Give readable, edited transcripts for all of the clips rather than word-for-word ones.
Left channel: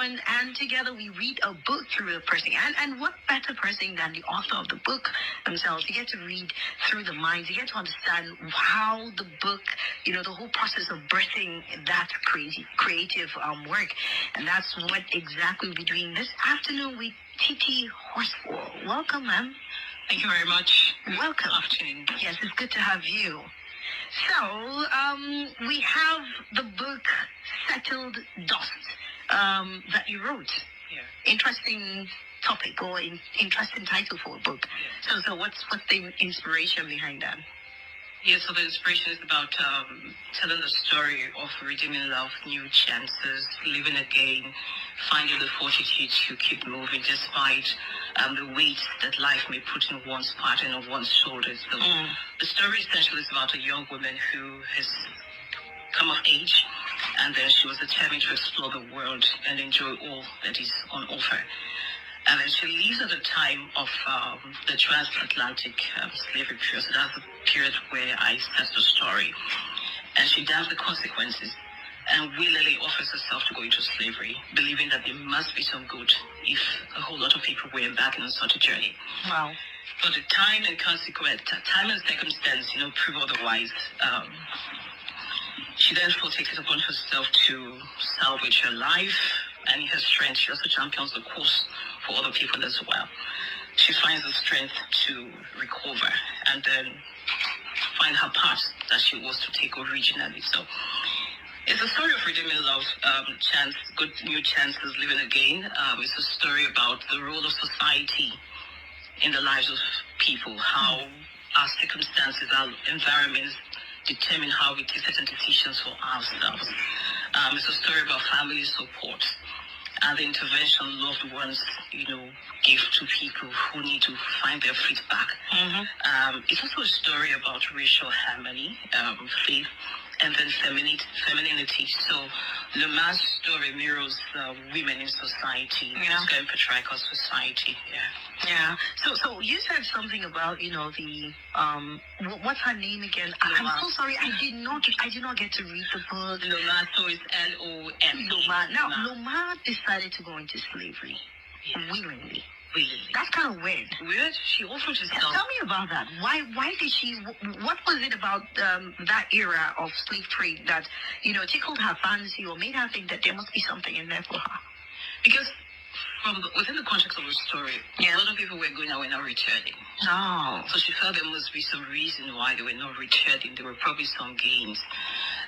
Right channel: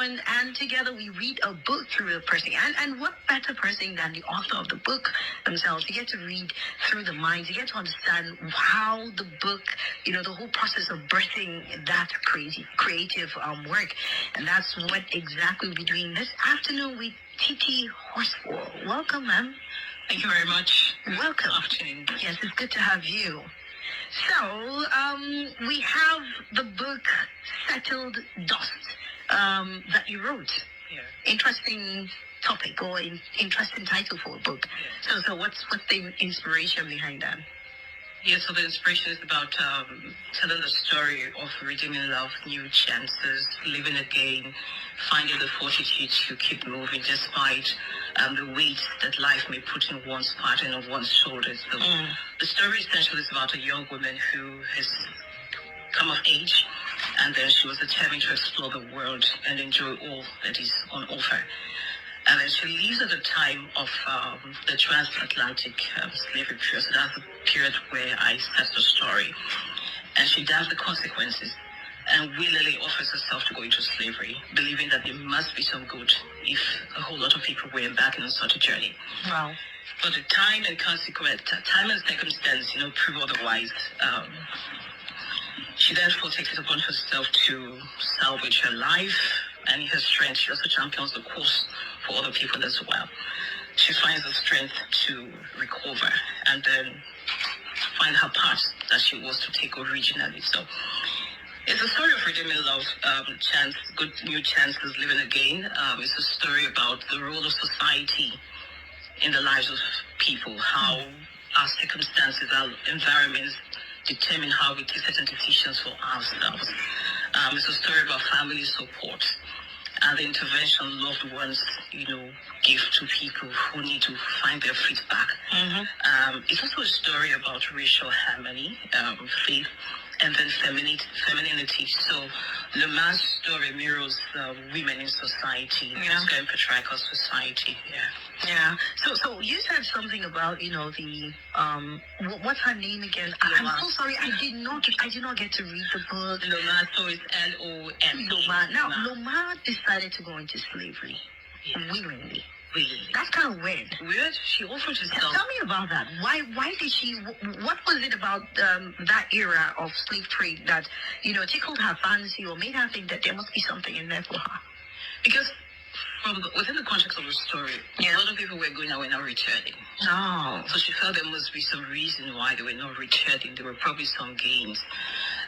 And together we read a book through the person. And what better person than the author of the book themselves? You get to read through the minds. You get to understand how the book, the whole process of birthing that creative work. And that's what exactly we'll be doing this afternoon with Titi Horsfall. Welcome, ma'am. Thank you very much. Welcome. Afternoon. Yes, it's good to have you. So, we have the book Settled Dust that you wrote. Yeah. Interesting topic or interesting title for a book. Yeah. So what's the inspiration behind that? Yeah, so the inspiration is about telling the story of redeeming love, new chances, living again, finding the fortitude to keep moving despite the weight that life may put in one's part and on one's shoulders. So the story essentially is about a young woman who has come of age, and then she was determined to explore the world and enjoy all that is on offer. And then she leaves at the time of the transatlantic slavery period. So that's the period where I set the story. And she does the consequences and willingly offers herself to go into slavery, believing that there must be some good if a whole lot of people were embarking on such a journey. Wow. But the time and circumstance, prove otherwise. She therefore takes it upon herself to salvage her life, and in her strength, she also champions the cause for other people as well. She finds the strength to recover and then find her path that she was to take originally. So it's a story of redeeming love, good new chances, living again. It's a story about the role of society in the lives of people, how our circumstances, our environments determine how we take certain decisions for ourselves. It's a story about family support and the intervention loved ones, give to people who need to find their feet back. It's also a story about racial harmony, faith, and then femininity. So Lemar's story mirrors women in society, in patriarchal society. Yeah. So you said something about the what's her name again? I'm so sorry. I did not get to read the book. Lomar, so it's L-O-M. Lomar. Now Lomar decided to go into slavery willingly. That's kind of weird. Weird? She offered herself. Tell me about that. Why did she? What was it about that era of slave trade that tickled her fancy or made her think that there must be something in there for her? Because within the context of the story, a lot of people were going away, not returning. Oh. So she felt there must be some reason why they were not returning. There were probably some gains.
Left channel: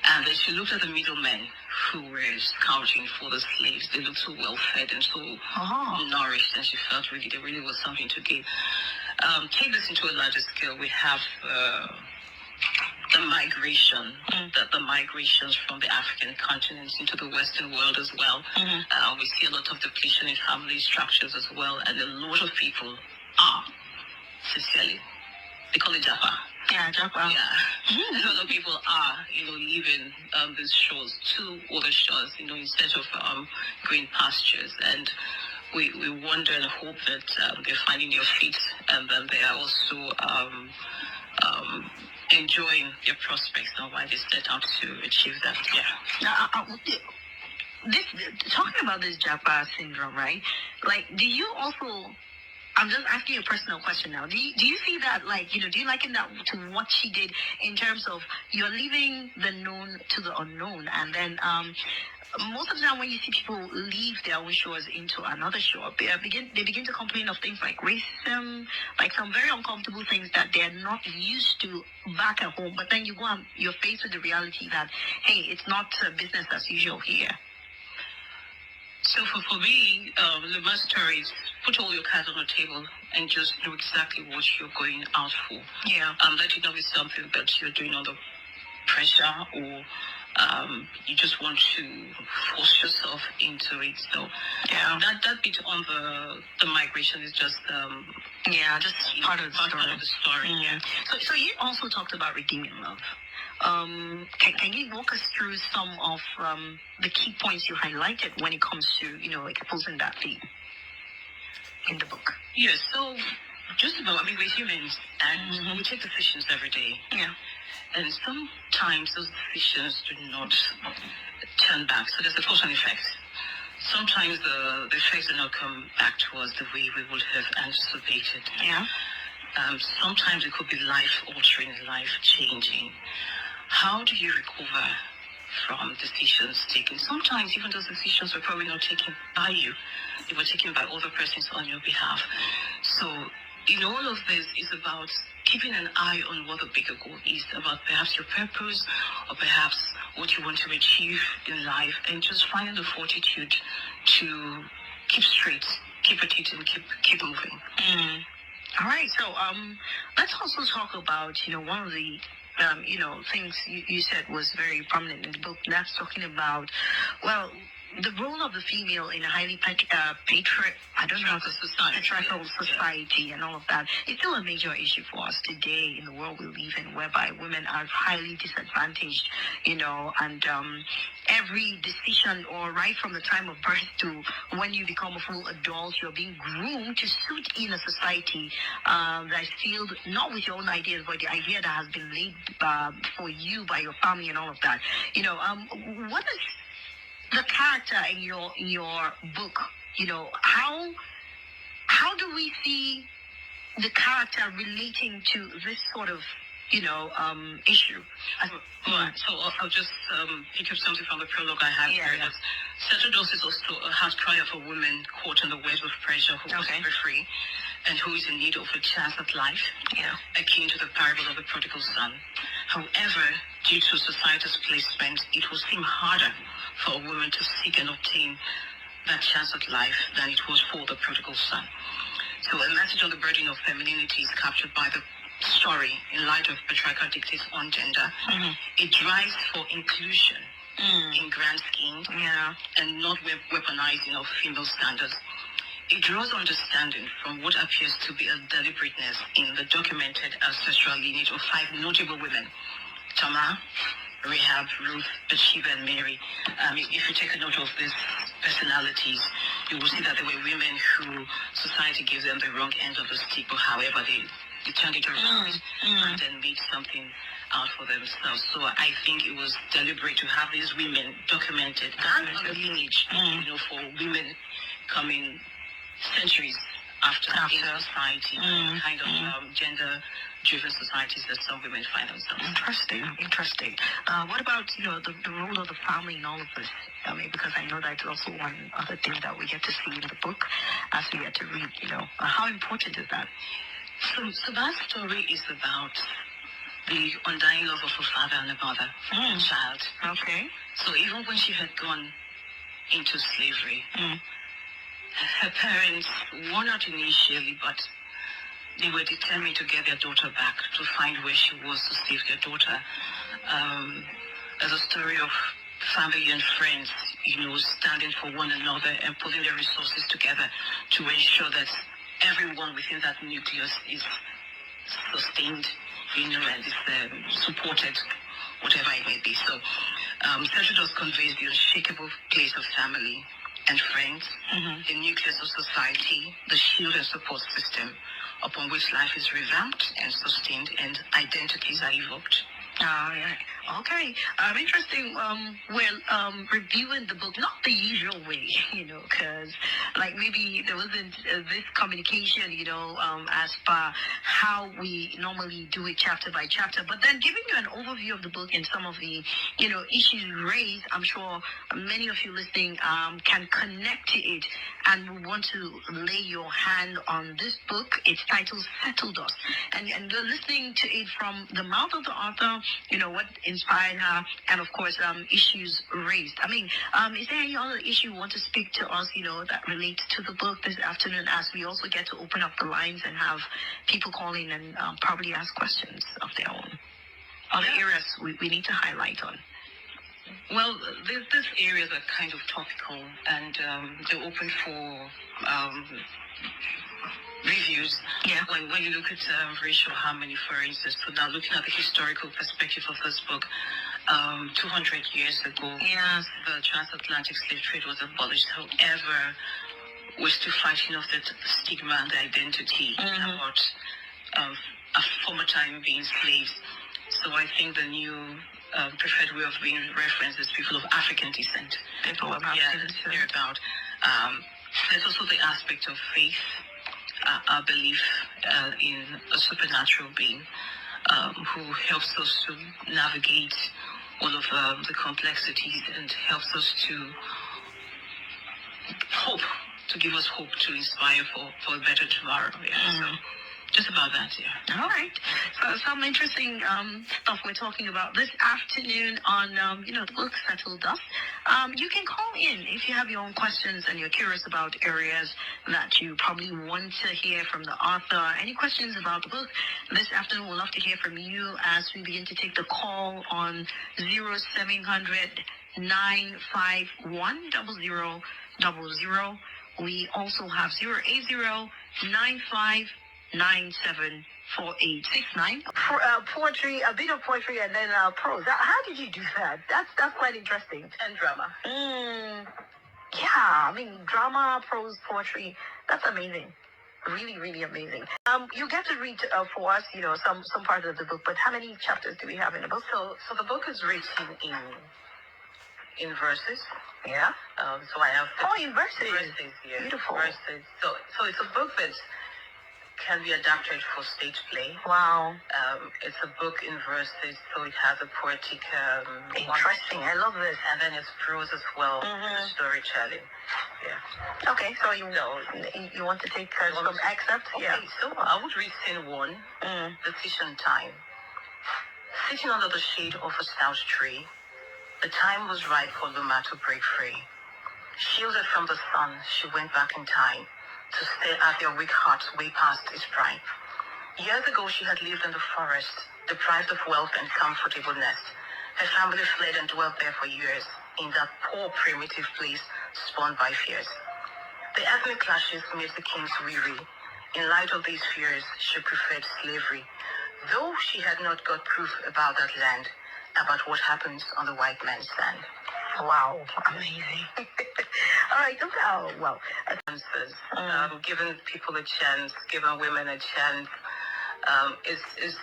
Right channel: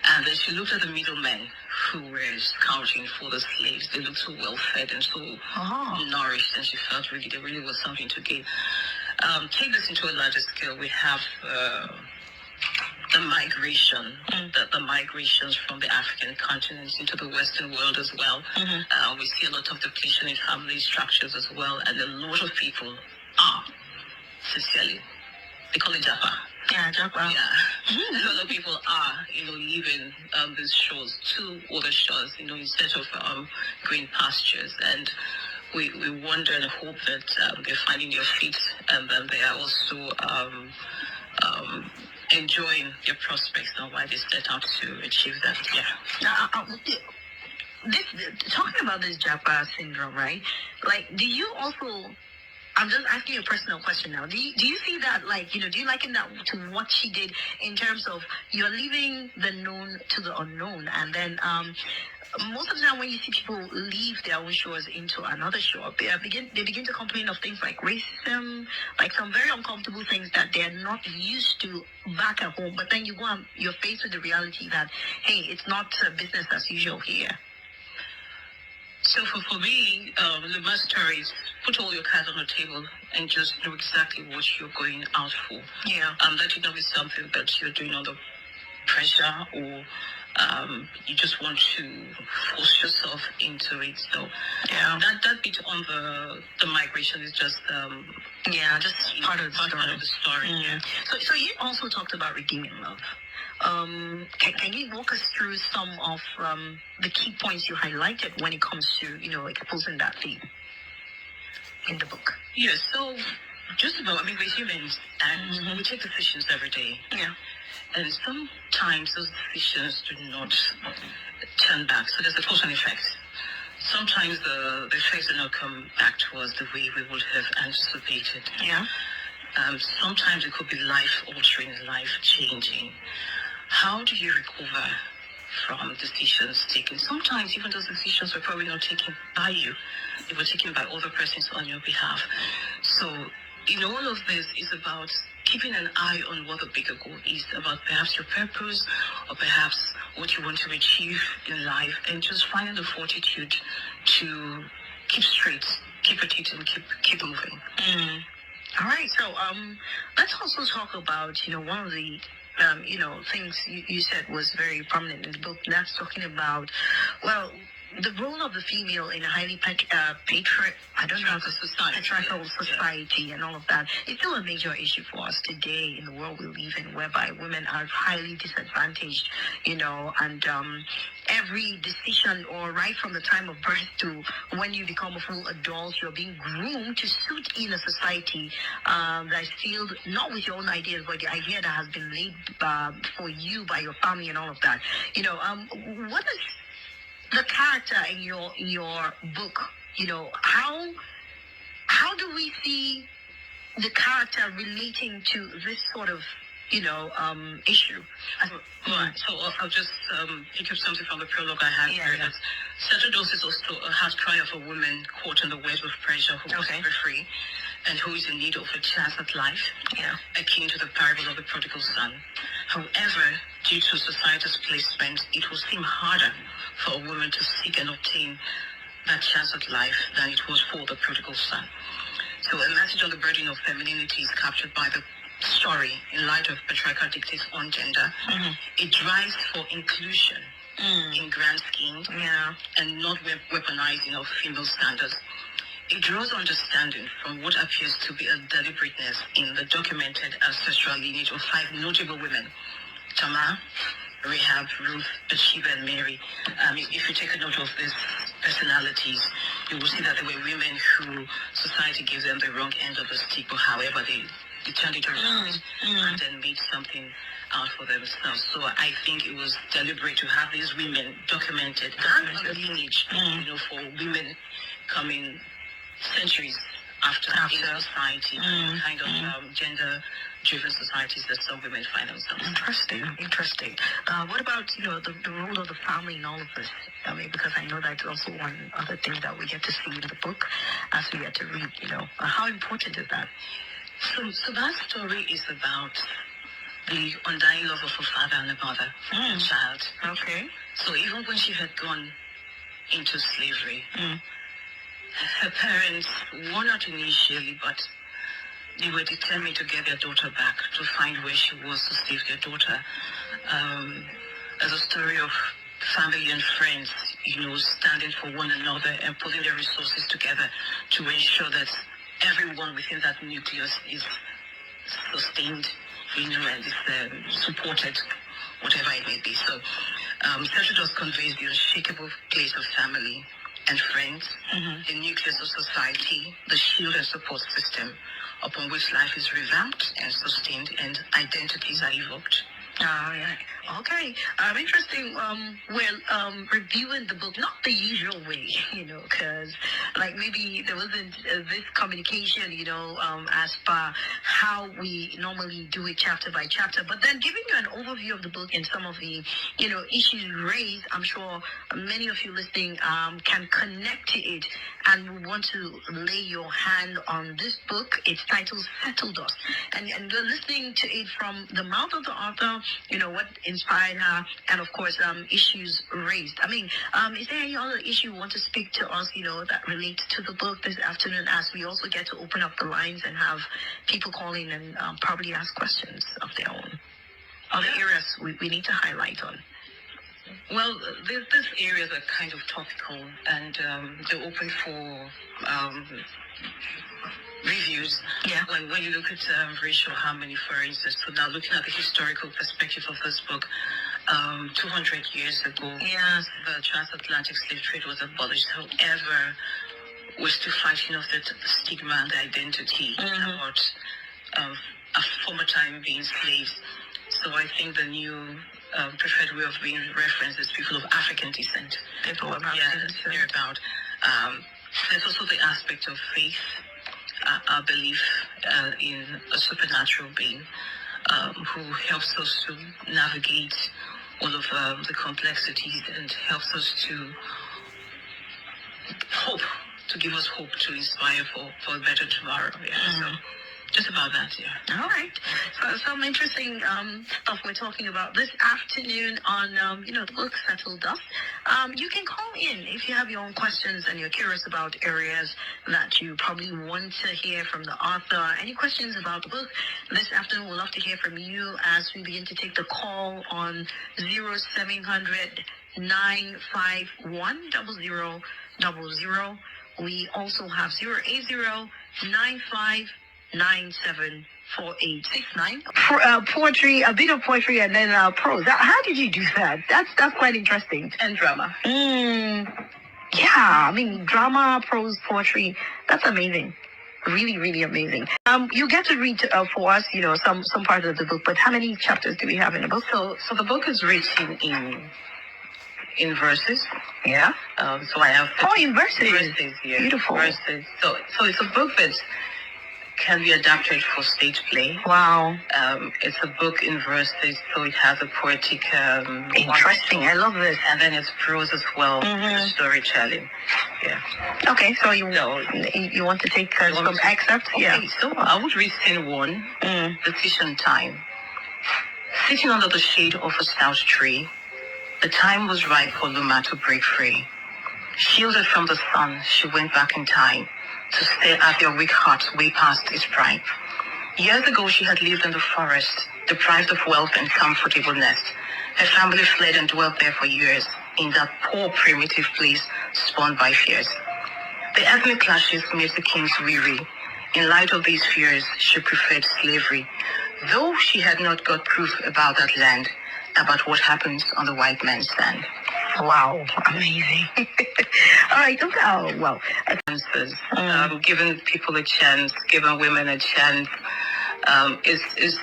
And then she looked at the middlemen who were scouting for the slaves. They looked so well fed and so nourished, and she felt really there really was something to gain. Take this into a larger scale. We have the migration, the migrations from the African continent into the Western world as well. We see a lot of depletion in family structures as well, and a lot of people are, sincerely, they call it Japa. Yeah, Japa. Yeah. A lot of people are, leaving these shores to other shores, instead of green pastures. And we wonder and hope that they're finding their feet, and then they are also enjoying their prospects now while they set out to achieve that. Talking about this Japa syndrome, right? Like, do you also? I'm just asking you a personal question now. Do you see that, do you liken that to what she did in terms of you're leaving the known to the unknown, and then most of the time when you see people leave their own shores into another shore, they begin to complain of things like racism, like some very uncomfortable things that they're not used to back at home. But then you go and you're faced with the reality that, hey, it's not business as usual here. So for me, the best story is put all your cards on the table and just know exactly what you're going out for. Yeah. Let it not be something that you're doing under pressure or you just want to force yourself into it. So that bit on the migration is just just part of the story. Yeah. So you also talked about redeeming love. Can you walk us through some of the key points you highlighted when it comes to exposing that theme in the book? Yeah. So just about, we're humans and we take decisions every day. Yeah. And sometimes those decisions do not turn back. So there's a cause and effect. sometimes the effects do not come back to us the way we would have anticipated. Yeah. Sometimes it could be life-altering, life-changing. How do you recover from decisions taken? Sometimes even those decisions were probably not taken by you. They were taken by other persons on your behalf. So in all of this is about keeping an eye on what the bigger goal is, about perhaps your purpose or perhaps what you want to achieve in life, and just finding the fortitude to keep straight, keep at it, and keep moving. All right, so let's also talk about, one of the things you said was very prominent in the book. That's talking about, well, the role of the female in a highly patriarchal society and all of that. It's still a major issue for us today in the world we live in, whereby women are highly disadvantaged, and every decision, or right from the time of birth to when you become a full adult, you're being groomed to suit in a society that's filled not with your own ideas, but the idea that has been laid for you by your family and all of that. What is the character in your book? How do we see the character relating to this sort of issue? Right. So I'll just pick up something from the prologue I had here. Yeah. Sacerdos is also a heart cry of a woman caught in the web of pressure who was never free and who is in need of a chance at life, akin to the parable of the prodigal son. However, due to society's placement, it will seem harder for a woman to seek and obtain that chance at life than it was for the prodigal son. So a message on the burden of femininity is captured by the story in light of patriarchal dictates on gender. It drives for inclusion in grand schemes and not weaponizing of female standards. It draws understanding from what appears to be a deliberateness in the documented ancestral lineage of 5 notable women: Tamar, Rahab, Ruth, Bathsheba, and Mary. If you take a note of these personalities, you will see that they were women who society gives them the wrong end of the stick, but however they turned it around and then made something out for themselves. So I think it was deliberate to have these women documented and a lineage, for women coming centuries after. In society, kind of gender-driven societies that some women find themselves. Interesting. What about the role of the family in all of this? I mean, because I know that's also one other thing that we get to see in the book as we get to read. How important is that? So that story is about the undying love of a father and a mother for a child. Okay. So even when she had gone into slavery, her parents were not initially, but they were determined to get their daughter back, to find where she was, to save their daughter. As a story of family and friends, standing for one another and putting their resources together to ensure that everyone within that nucleus is sustained, and is supported, whatever it may be. So, Sacerdos conveys the unshakable place of family and friends, the nucleus of society, the shield and support system upon which life is revamped and sustained and identities are evoked. Yeah. Okay. Interesting. Reviewing the book, not the usual way, because maybe there wasn't this communication, as per how we normally do it chapter by chapter. But then giving you an overview of the book and some of the, issues raised, I'm sure many of you listening can connect to it and want to lay your hand on this book. It's titled Settled Us. And you're listening to it from the mouth of the author, what inspired her, and of course, issues raised. I mean, is there any other issue you want to speak to us, that relates to the book this afternoon, as we also get to open up the lines and have people call in and probably ask questions of their own? Other areas we need to highlight on? Well, these areas are kind of topical, and they're open for reviews. Yeah. When you look at racial harmony, for instance, so now looking at the historical perspective of this book, 200 years ago, the transatlantic slave trade was abolished. However, we're still fighting off the stigma and the identity about a former time being slaves. So I think the new preferred way of being referenced is people of African descent. People of African descent. They're about. There's also the aspect of faith, our belief in a supernatural being who helps us to navigate all of the complexities and helps us to hope, to give us hope, to inspire for a better tomorrow. Yeah. So just about that, yeah. All right. So some interesting stuff we're talking about this afternoon on, the book Settle Dust. You can call in if you have your own questions and you're curious about areas that you probably want to hear from the author. Any questions about the book this afternoon? We'd love to hear from you as we begin to take the call on 0700 951 0000. We also have 080 974869. Poetry, a bit of poetry, and then prose. How did you do that? That's quite interesting. And drama. Yeah, I mean, drama, prose, poetry. That's amazing. Really, really amazing. You get to read for us, some part of the book. But how many chapters do we have in the book? So the book is written in verses. Yeah. So I have. In verses. Verses, yeah. Beautiful. Verses. So it's a book that can be adapted for stage play. Wow. It's a book in verses, so it has a poetic. Interesting. I love this. And then it's prose as well, storytelling. Yeah. Okay, so you want to take some excerpts? Okay, Yeah. So I would read scene 1, Decision Time. Sitting under the shade of a stout tree, the time was right for Luma to break free. Shielded from the sun, she went back in time to stare at their weak hearts way past its prime. Years ago, she had lived in the forest, deprived of wealth and comfortable nest. Her family fled and dwelt there for years, in that poor primitive place spawned by fears. The ethnic clashes made the kings weary. In light of these fears, she preferred slavery, though she had not got proof about that land, about what happens on the white man's land. Wow, amazing. All right, Chances, giving people a chance, giving women a chance, is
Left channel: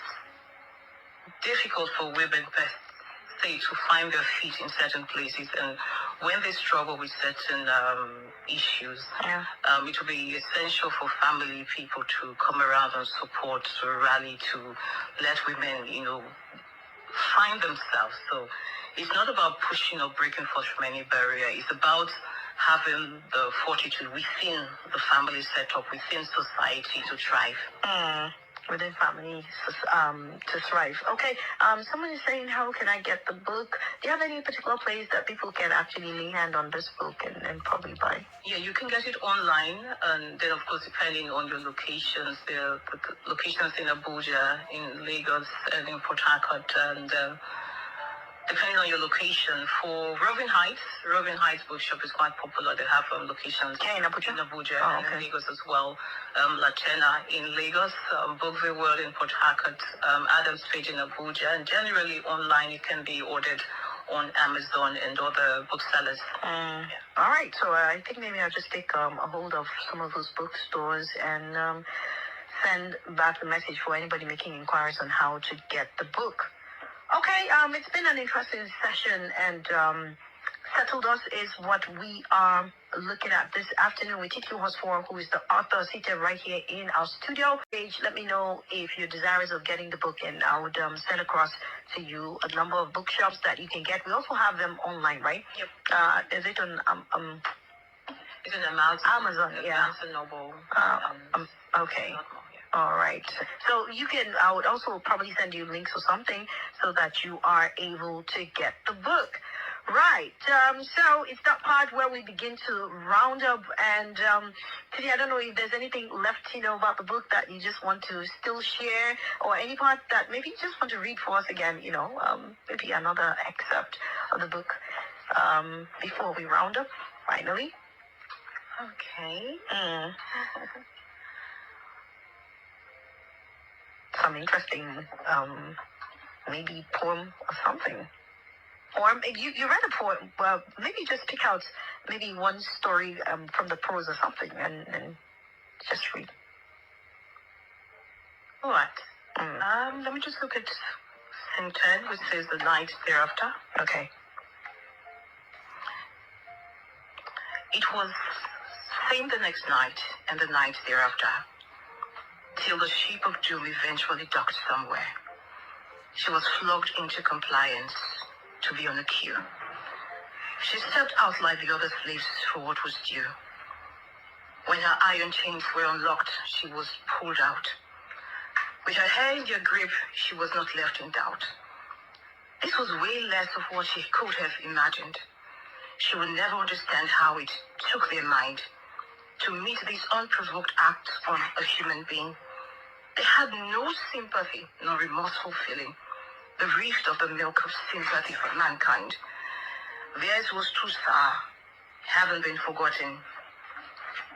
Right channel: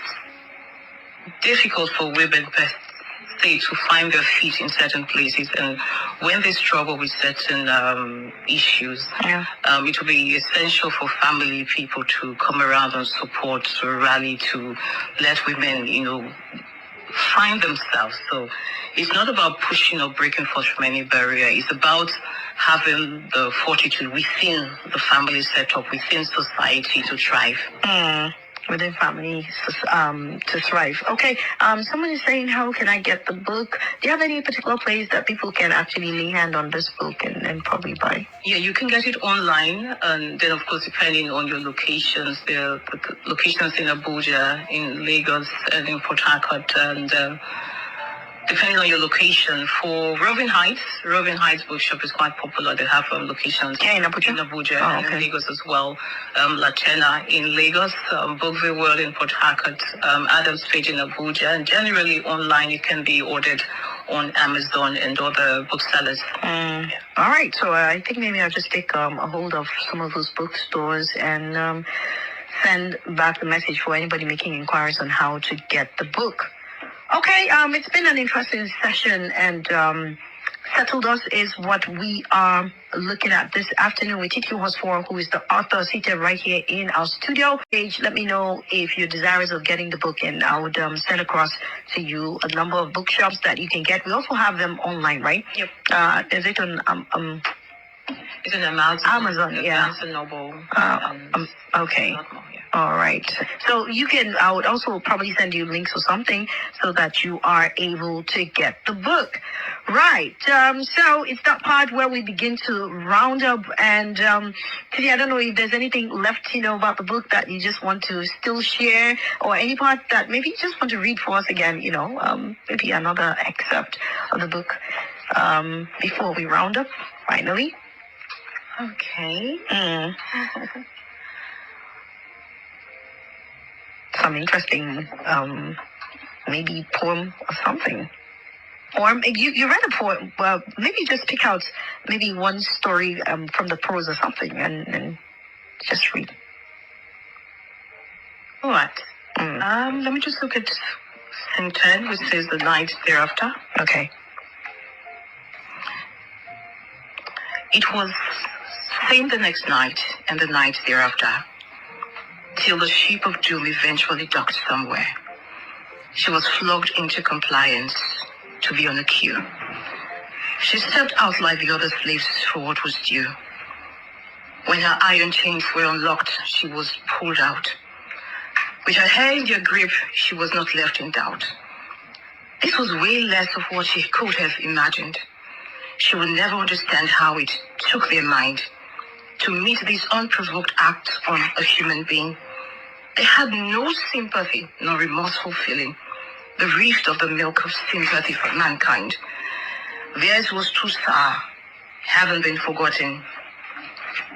difficult for women per se to find their feet in certain places, and when they struggle with certain issues, it will be essential for family people to come around and support, to rally, to let women, find themselves. So it's not about pushing or breaking forth from any barrier. It's about having the fortitude within the family setup, within society to thrive. Within family to thrive. Okay, someone is saying, how can I get the book? Do you have any particular place that people can actually lay hand on this book and probably buy? Yeah, you can get it online, and then of course depending on your locations, there are locations in Abuja, in Lagos, and in Port Harcourt, and depending on your location. For Roving Heights Bookshop is quite popular. They have locations in Abuja, and in Lagos as well. Latena in Lagos, Bookville World in Port Harcourt, Adams Page in Abuja, and generally online it can be ordered on Amazon and other booksellers. All right, so I think maybe I'll just take a hold of some of those bookstores and send back the message for anybody making inquiries on how to get the book. Okay, it's been an interesting session, and Settle Dust is what we are looking at this afternoon with Titi Horsfall, who is the author, seated right here in our studio. Let me know if you're desirous of getting the book, and I would send across to you a number of bookshops that you can get. We also have them online, right? Yep. Is it on it's on Amazon, yeah. Amazon Noble. Okay. All right. So I would also probably send you links or something so that you are able to get the book. Right. So it's that part where we begin to round up. And Titi, I don't know if there's anything left, about the book that you just want to still share, or any part that maybe you just want to read for us again, maybe another excerpt of the book before we round up, finally. Okay. Some interesting, maybe poem or something. Or you read a poem, well, maybe just pick out maybe one story from the prose or something and just read. All right. Let me just look at Scene 10, which says the night thereafter. Okay. It was same the next night and the night thereafter, till the ship of doom eventually docked somewhere. She was flogged into compliance to be on a queue. She stepped out like the other slaves for what was due. When her iron chains were unlocked, she was pulled out. With her hair in their grip, she was not left in doubt. This was way less of what she could have imagined. She would never understand how it took their mind to meet this unprovoked act on a human being. They had no sympathy, no remorseful feeling, the rift of the milk of sympathy for mankind. Theirs was too sour, haven't been forgotten,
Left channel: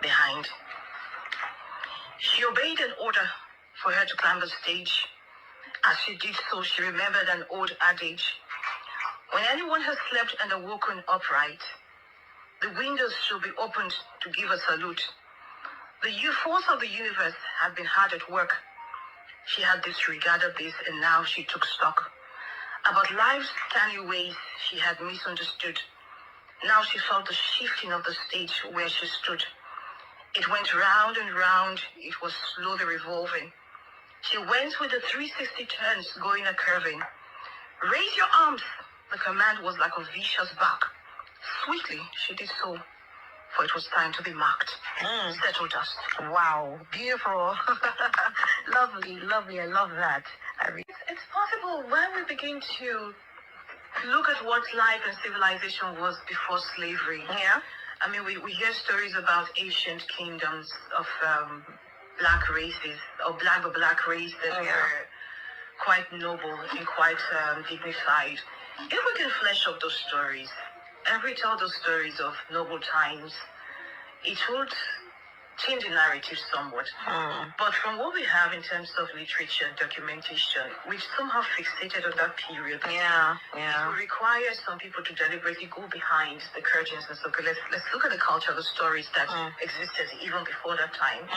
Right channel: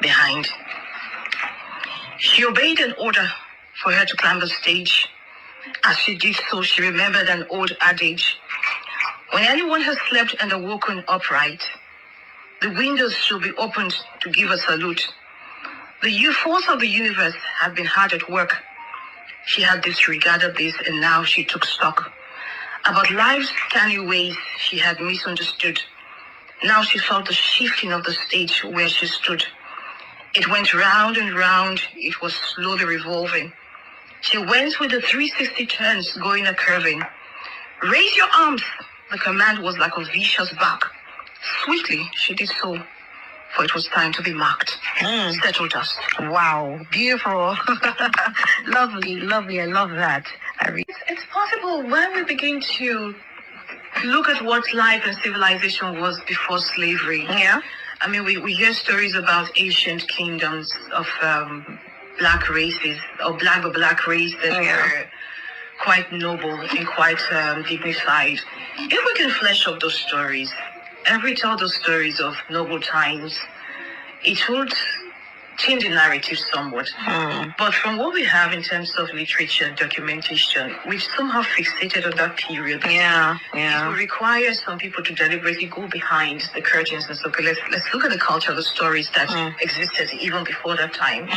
behind. She obeyed an order for her to climb the stage. As she did so, she remembered an old adage. When anyone has slept and awoken upright, the windows should be opened to give a salute. The force of the universe had been hard at work. She had disregarded this, and now she took stock. About life's canny ways she had misunderstood. Now she felt the shifting of the stage where she stood. It went round and round. It was slowly revolving. She went with the 360 turns, going a curving. Raise your arms. The command was like a vicious bark. Swiftly, she did so, for it was time to be marked. Settle dust. Wow, beautiful. Lovely, lovely. I love that. It's possible when we begin to look at what life and civilization was before slavery. Yeah. I mean, we hear stories about ancient kingdoms of black races, or black race that were quite noble and quite dignified. If we can flesh out those stories, and we tell those stories of noble times, it would change the narrative somewhat. But from what we have in terms of literature and documentation, we've somehow fixated on that period. It will require some people to deliberately go behind the curtains and say, okay, let's look at the culture, the stories that existed even before that time.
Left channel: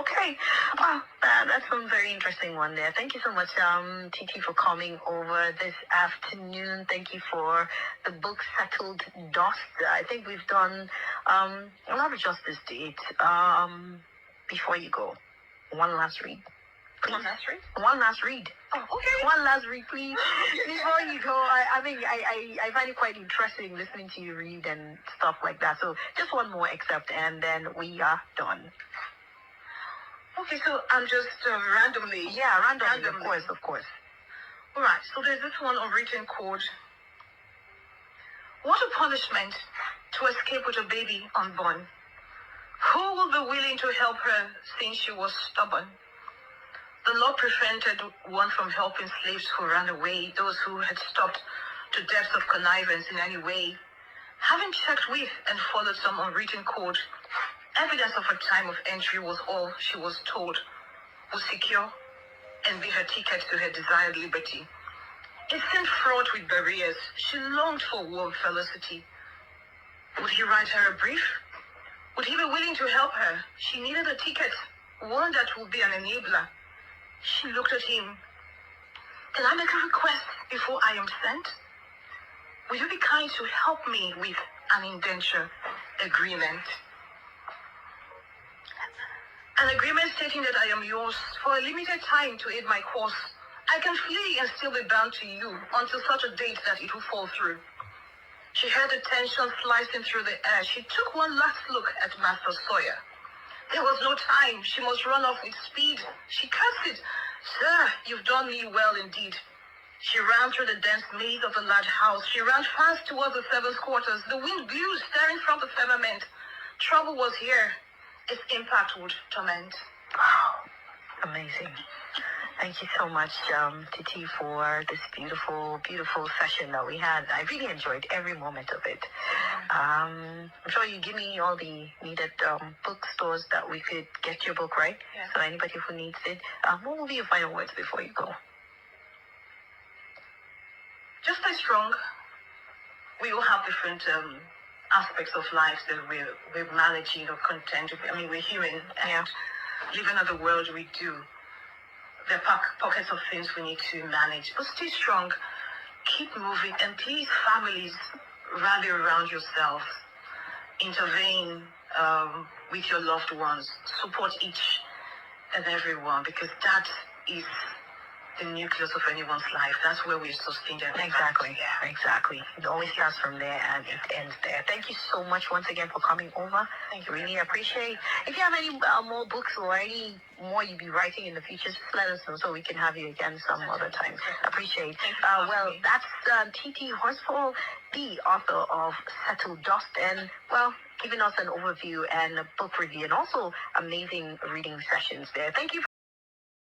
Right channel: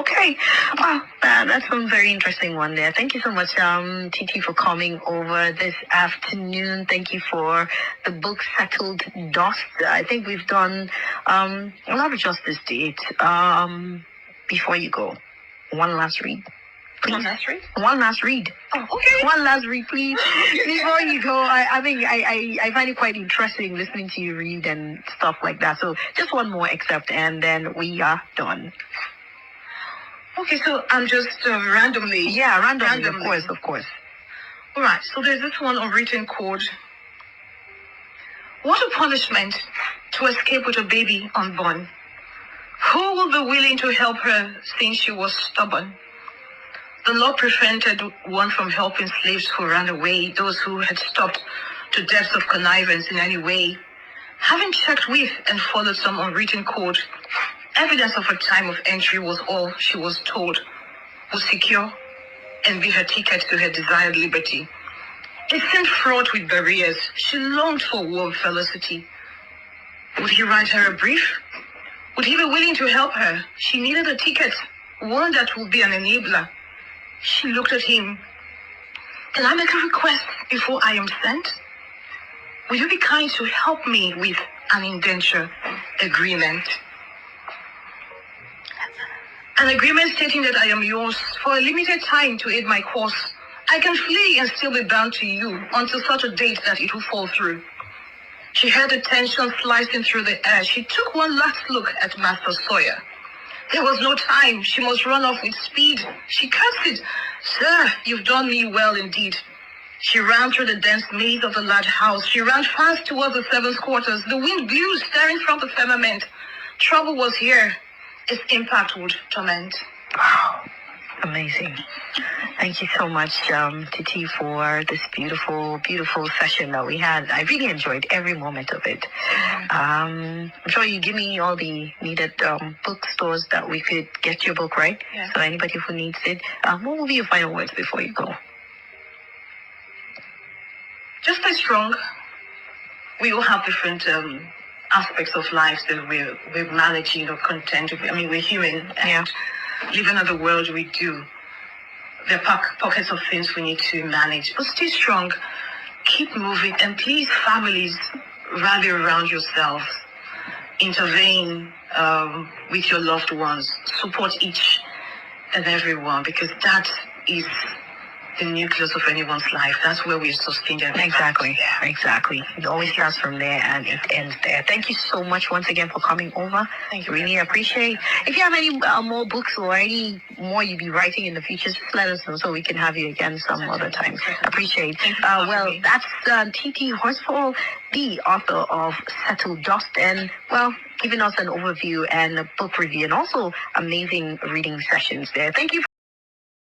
Okay. Well, that's a very interesting one there. Thank you so much, Titi, for coming over this afternoon. Thank you for the book Settled Dust. I think we've done a lot of justice to it. Before you go, one last read. Please. One last read? One last read. Oh, okay. One last read, please. Before you go, I think I find it quite interesting listening to you read and stuff like that. So just one more excerpt, and then we are done. Okay, so I'm just randomly. Yeah, randomly. Of course. All right, so there's this one unwritten code. What a punishment to escape with a baby unborn. Who will be willing to help her since she was stubborn? The law prevented one from helping slaves who ran away, those who had stopped to depths of connivance in any way. Having checked with and followed some unwritten code, evidence of her time of entry was all she was told would secure and be her ticket to her desired liberty. It seemed fraught with barriers. She longed for warm felicity. Would he write her a brief? Would he be willing to help her? She needed a ticket, one that would be an enabler. She looked at him. Can I make a request before I am sent? Will you be kind to help me with an indenture agreement? An agreement stating that I am yours for a limited time to aid my course. I can flee and still be bound to you until such a date that it will fall through. She heard the tension slicing through the air. She took one last look at Master Sawyer. There was no time. She must run off with speed. She cursed. Sir, you've done me well indeed. She ran through the dense maze of the large house. She ran fast towards the servants' quarters. The wind blew, staring from the firmament. Trouble was here. Its impact would torment. Wow. Amazing. Thank you so much, Titi, for this beautiful, beautiful session that we had. I really enjoyed every moment of it. I'm sure you give me all the needed bookstores that we could get your book, right? Yeah. So anybody who needs it, what will be your final words before you go? Just stay strong. We all have different aspects of life that we're managing or content with. I mean, we're human. And living in the world we do. There are pockets of things we need to manage, but stay strong, keep moving, and please, families, rally around yourselves, intervene with your loved ones, support each and everyone, because that is the nucleus of anyone's life. That's where we sustain them. Exactly. It always starts from there and it ends there. Thank you so much once again for coming over. Thank you. Really appreciate. If you have any more books or any more you'll be writing in the future, just let us know so we can have you again some other time. Appreciate. Well, that's Titi Horsfall, the author of Settle Dust, and giving us an overview and a book review, and also amazing reading sessions there. Thank you for